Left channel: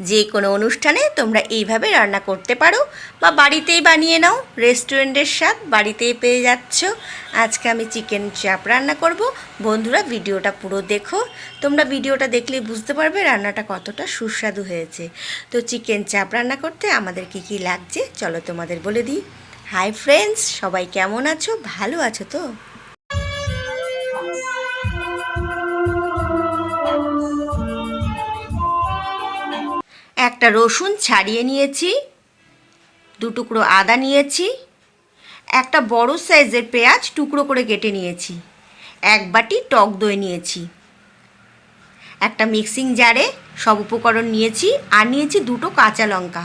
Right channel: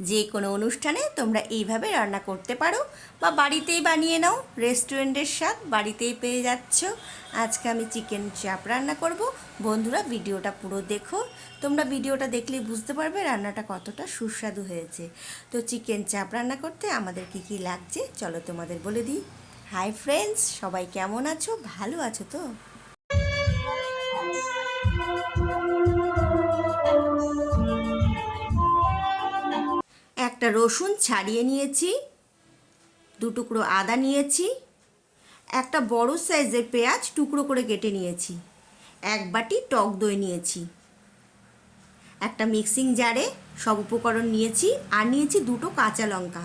যে কোনো অনুষ্ঠানে তোমরা এইভাবে রান্না করতে পারো বা বাড়িতেই বানিয়ে নাও, রেস্টুরেন্টের স্বাদ বাড়িতেই পেয়ে যাচ্ছ। আজকে আমি চিকেন চাপ রান্না করব। বন্ধুরা, ভিডিওটা পুরো দেখো। তোমরা ভিডিওটা দেখলে বুঝতে পারবে রান্নাটা কতটা সুস্বাদু হয়েছে। তো চিকেন চাপ রান্না করতে আমাদের কি কি লাগছে? চলো তোমাদের বলে দিই। হাই ফ্রেন্ডস, সবাই কেমন আছো? ভালো আছো তো? একটা রসুন ছাড়িয়ে নিয়েছি, দু টুকরো আদা নিয়েছি, একটা বড় সাইজের পেঁয়াজ টুকরো করে কেটে নিয়েছি, এক বাটি টক দই নিয়েছি, একটা মিক্সিং জারে সব উপকরণ নিয়েছি আর নিয়েছি দুটো কাঁচা লঙ্কা।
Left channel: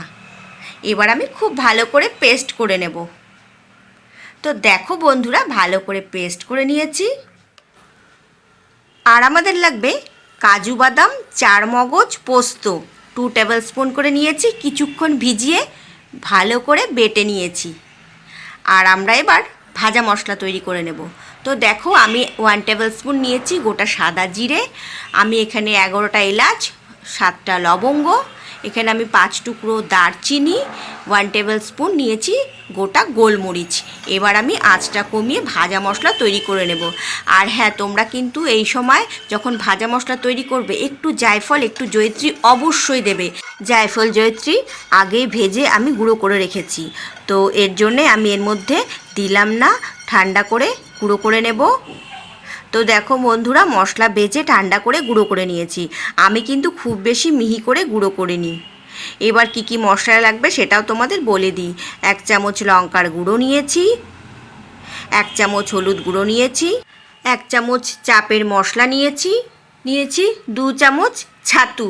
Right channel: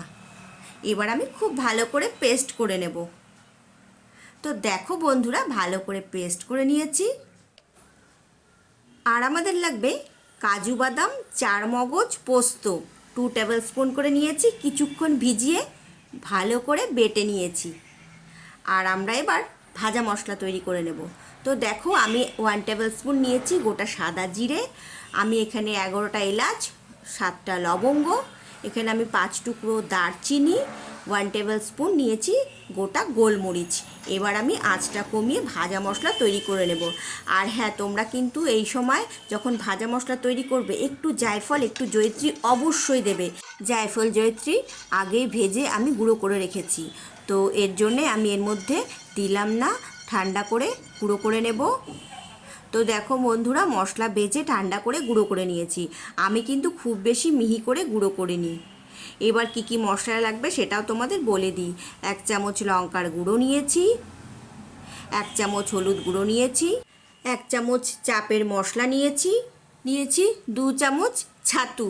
এবার আমি খুব ভালো করে পেস্ট করে নেব। তো দেখো বন্ধুরা, ভালো করে পেস্ট করে নিয়েছি। আর আমাদের লাগবে কাজু বাদাম চার মগজ পোস্ত। টু টেবিল স্পুন করে নিয়েছি, কিছুক্ষণ ভিজিয়ে ভালো করে বেটে নিয়েছি। আর আমরা এবার ভাজা মশলা তৈরি করে নেব। তো দেখো, আমি ওয়ান টেবিল স্পুন নিয়েছি গোটা সাদা জিরে, আমি এখানে এগারোটা এলাচ, সাতটা লবঙ্গ, এখানে আমি পাঁচ টুকরো দারচিনি ওয়ান টেবিল স্পুন নিয়েছি, গোটা গোলমরিচ। এবার আমি আঁচটা কমিয়ে ভাজা মশলা তৈরি করে নেব। আর হ্যাঁ তোমরা কিন্তু এই সময় যখন ভাজা মশলা তৈরি করবে, একটু জায়ফল, একটু জয়ত্রী অবশ্যই দেবে। জায়ফল, জয়ত্রী আগে ভেজে আমি গুঁড়ো করে রেখেছি। তো এর জন্যে আমি এর মধ্যে দিলাম না, ঠান্ডা করে গুঁড়ো করে নেব। তো দেখো বন্ধুরা, মশলা বেজে ঠান্ডা করে গুঁড়ো করে নিয়েছি। আমি কিন্তু খুব বেশি মিহি করে গুঁড়ো করিনি। এবার কি কি মশলা লাগবে সেটাও তোমাদের বলে দিই। এক চামচ লঙ্কার গুঁড়ো নিয়েছি, এক চামচ হলুদ গুঁড়ো নিয়েছি, এক চামচ চাপের মশলা নিয়েছি নিয়েছি দু চামচ ছাতু।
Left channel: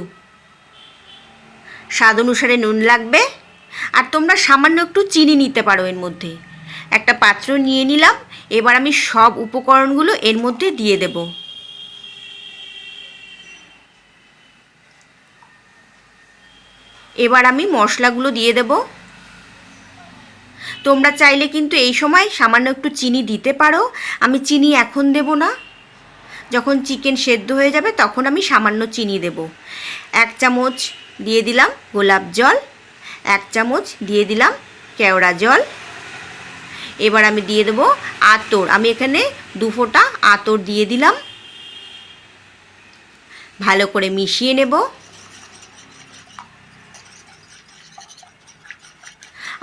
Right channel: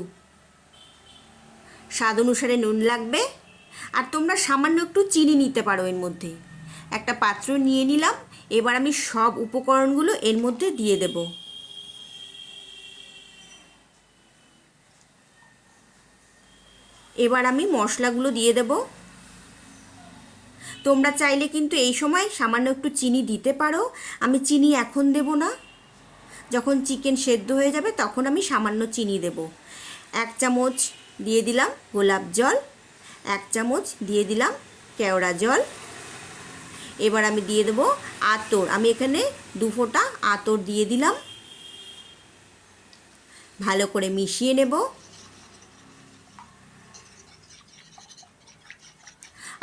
স্বাদ অনুসারে নুন লাগবে, আর তোমরা সামান্য একটু চিনি নিতে পারো এর মধ্যে। একটা পাত্র নিয়ে নিলাম, এবার আমি সব উপকরণগুলো এর মধ্যে দিয়ে দেব। এবার আমি মশলাগুলো দিয়ে দেব। তোমরা চাইলে কিন্তু এই সময় সামান্য একটু চিনি দিতে পারো। আমি চিনি এখন দেব না। যখন চিকেন সেদ্ধ হয়ে যাবে তখন আমি সামান্য চিনি দেব। এক চামচ দিয়ে দিলাম গোলাপ জল। এক চামচ দিয়ে দিলাম কেওড়া জল। এবার আমি দিয়ে দেবো আতর। আমি এখানে দু ফোঁটা আতর দিয়ে দিলাম। ভালো করে মিশিয়ে নেব।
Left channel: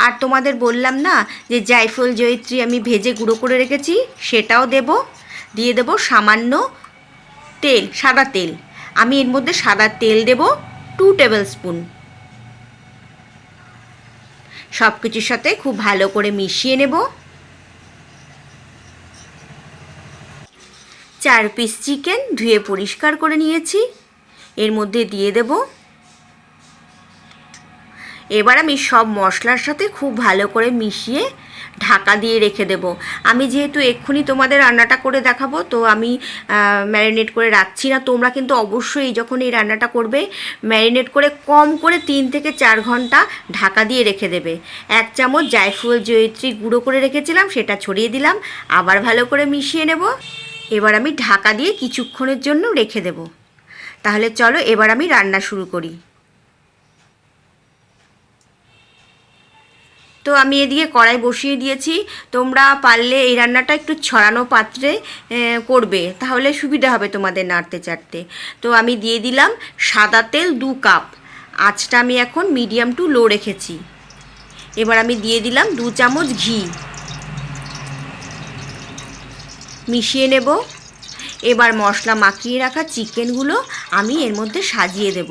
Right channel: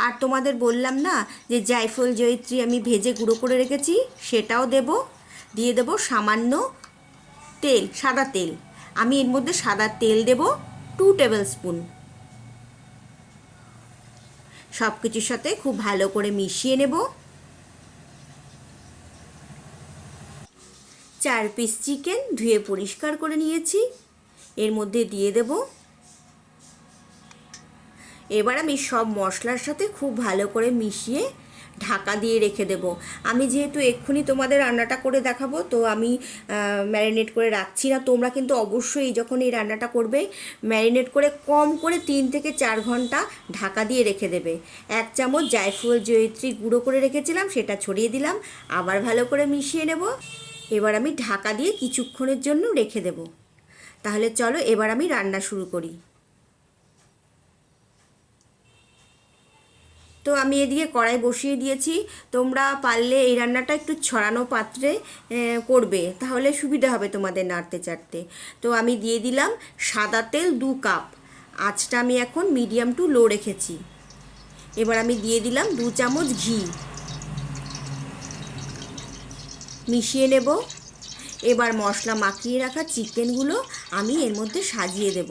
আর তোমাদের বললাম না যে জায়ফল জয়িত্রী আমি ভেজে গুঁড়ো করে রেখেছি? সেটাও দেব। দিয়ে দেব সামান্য তেল, সাদা তেল। আমি এর মধ্যে সাদা তেল দেব টু টেবিল স্পুন সব কিছুর সাথে খুব ভালো করে মিশিয়ে নেব। চার পিস চিকেন ধুয়ে পরিষ্কার করে নিয়েছি। এর মধ্যে দিয়ে দেব এবার আমি সব মশলার সাথে খুব ভালো করে মিশিয়ে ঢাকা দিয়ে রেখে দেব। আমি যেহেতু এক্ষুনি তোমাদের রান্নাটা করে দেখাবো, তো আমি ম্যারিনেট করে রাখছি না। তোমরা কিন্তু অবশ্যই যখন এই রান্নাটা করবে, ম্যারিনেট করে কম করে তিন থেকে চার ঘণ্টা ঢাকা দিয়ে রেখে দেবে। এক চামচ জায়ফল জয়িত্রী গুঁড়ো করে রেখেছিলাম, সেটা ছড়িয়ে দিলাম। আবার ভালো করে মিশিয়ে নেব। এবার আমি ঢাকা দিয়ে কিছুক্ষণের জন্য রেখে দেব। তাহলে চলো এবার আমি রান্না শুরু করি। আমি এদিকে কড়াই বসিয়ে দিয়েছি। তোমরা পারলে এই রান্নাটা একটু ছড়ানো পাত্রে করবে। তাহলে সুবিধা হবে তোমাদের নাড়তে চাড়তে। তো আমি দিয়ে দিলাম সাদা তেল দু কাপ। আঁচটা আমি এখন মিডিয়াম টু লো রেখেছি। এবার আমি দিয়ে দিলাম দু চামচ ঘি। মিশিয়ে নেব। এবার মশলা মাখিয়ে রাখা চিকেনগুলো আমি এর মধ্যে সাজিয়ে দেব।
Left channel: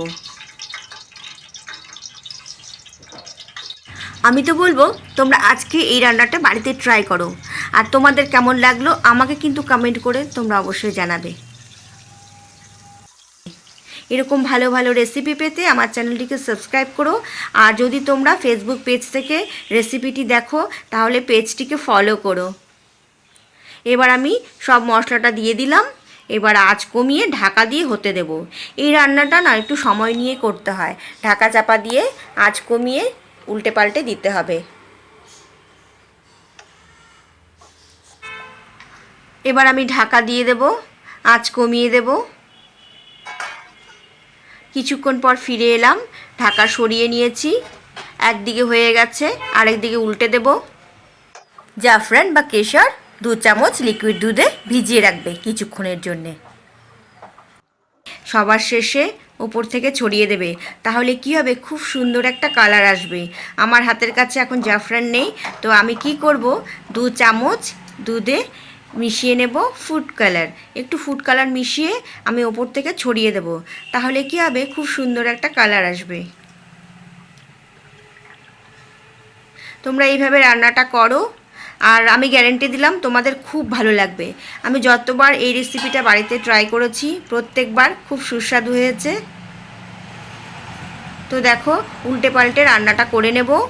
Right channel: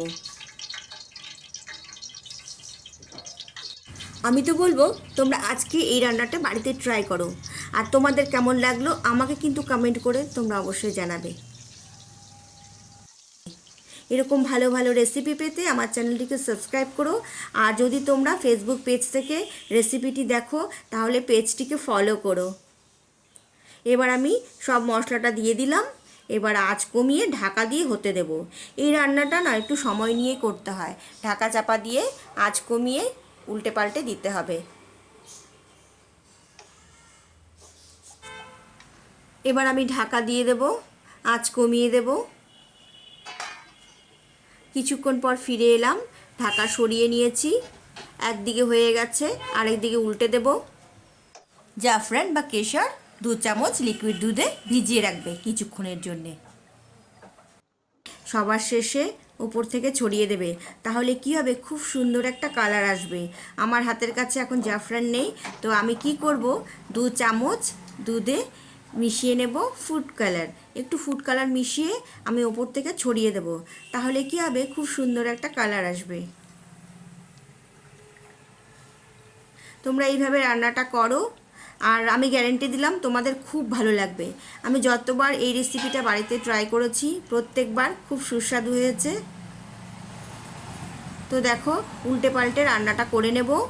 আমি তো বলব, তোমরা আজকে এই রান্নাটা বাড়িতে ট্রাই করো। আর তোমাদের কেমন লাগল, আমাকে কিন্তু কমেন্ট করে তোমরা অবশ্যই জানাবে। এরকম ভালো ভালো রেসিপি পেতে আমার চ্যানেলটিকে সাবস্ক্রাইব করো। আর যদি তোমরা ফেসবুক পেজ থেকে রেসিপিটি দেখো, তাহলে পেজটিকে ফলো করো। এবার আমি সব মশলাটা দিয়ে দিলাম। এবার আঁচ কমিয়ে ঢাকা দিয়ে হতে দেব। এই রান্নাটা না একটু সময় নিয়ে করতে হয়। ঢাকা চাপা দিয়ে আঁচ কমিয়ে উল্টে পাল্টে দিতে হবে। এবার আমি ঢাকা দিয়ে দেব, আঁচ কমিয়ে দেব। কিছুক্ষণ পর ফিরে এলাম, ঢাকা সরিয়ে নিয়েছি। একদিকে হয়ে গেছে, আরেকদিকে উল্টে দেব। জাফরান বা কেশর, দু চামচ লিকুইড দুধে ভিজিয়ে রাখবে কিছুক্ষণের জন্যে। সবার শেষে ওপর থেকে ছড়িয়ে দেবে। তাহলে কি হবে? খুব সুন্দর একটা কালার আসবে। আমার হাতের কাছে এখন জাফরান নেই। তো আমি কি করব? দু চামচ দুধে মিশিয়ে নেব ফুড কালার। একটু ফুড কালার মিশিয়ে আমি ওপর থেকে ছড়িয়ে দেব। তাহলে কি হবে? খুব সুন্দর একটা কালার আসবে। তোমরা এইভাবে রান্নাটা করো। আর আমি গ্যারেন্টি দিলাম তোমাদের খুব ভালো লাগবে। আমি যতবার এই রেসিপিটা বাড়িতে ট্রাই করেছি, প্রত্যেকবার খুব সুস্বাদু হয়েছে। তো দেখো, উল্টে পাল্টে রান্নাটা করে নেব।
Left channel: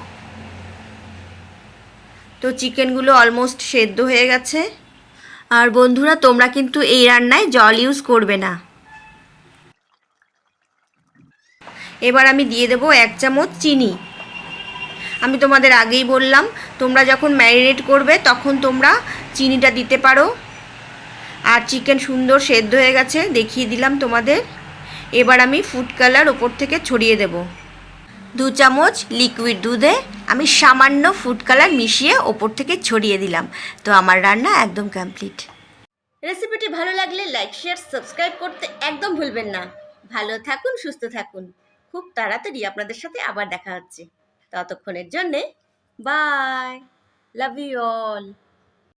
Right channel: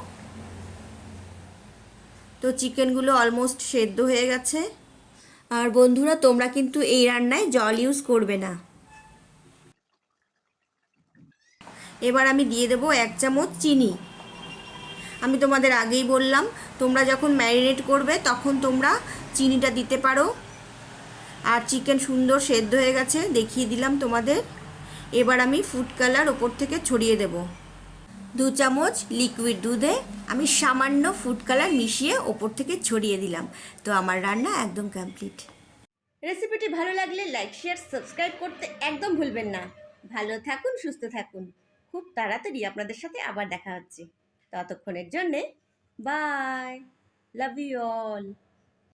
তো চিকেনগুলো অলমোস্ট সেদ্ধ হয়ে গেছে। আর বন্ধুরা, তোমরা কিন্তু এই রান্নায় জল ইউজ করবে না। এবার আমি দিয়ে দেবো এক চামচ চিনি। আমি তোমাদের আগেই বললাম, তোমরা যখন ম্যারিনেট করবে তখন তোমরা চিনিটা দিতে পারো। আর চিকেন সুন্দর সেদ্ধ হয়ে গেছে, দেখিয়ে দিলাম তোমাদের। এবার আমি ফুড কালার ওপর থেকে ছড়িয়ে দেব। দু চামচ লিকুইড দুধে আমি সামান্য ফুড কালার মিশিয়ে ওপর থেকে ছড়িয়ে দিলাম। তো আমার রান্না একদম কমপ্লিট রেসিপিটি ভালো লাগলে লাইক শেয়ার সাবস্ক্রাইব করতে একদম ভুলবেন না। ভালো থাকুন, সুস্থ থাকুন। খুব তাড়াতাড়ি আপনাদের সাথে আবার দেখা হচ্ছে। ততক্ষণের জন্যে বাই লাভ ইউ অল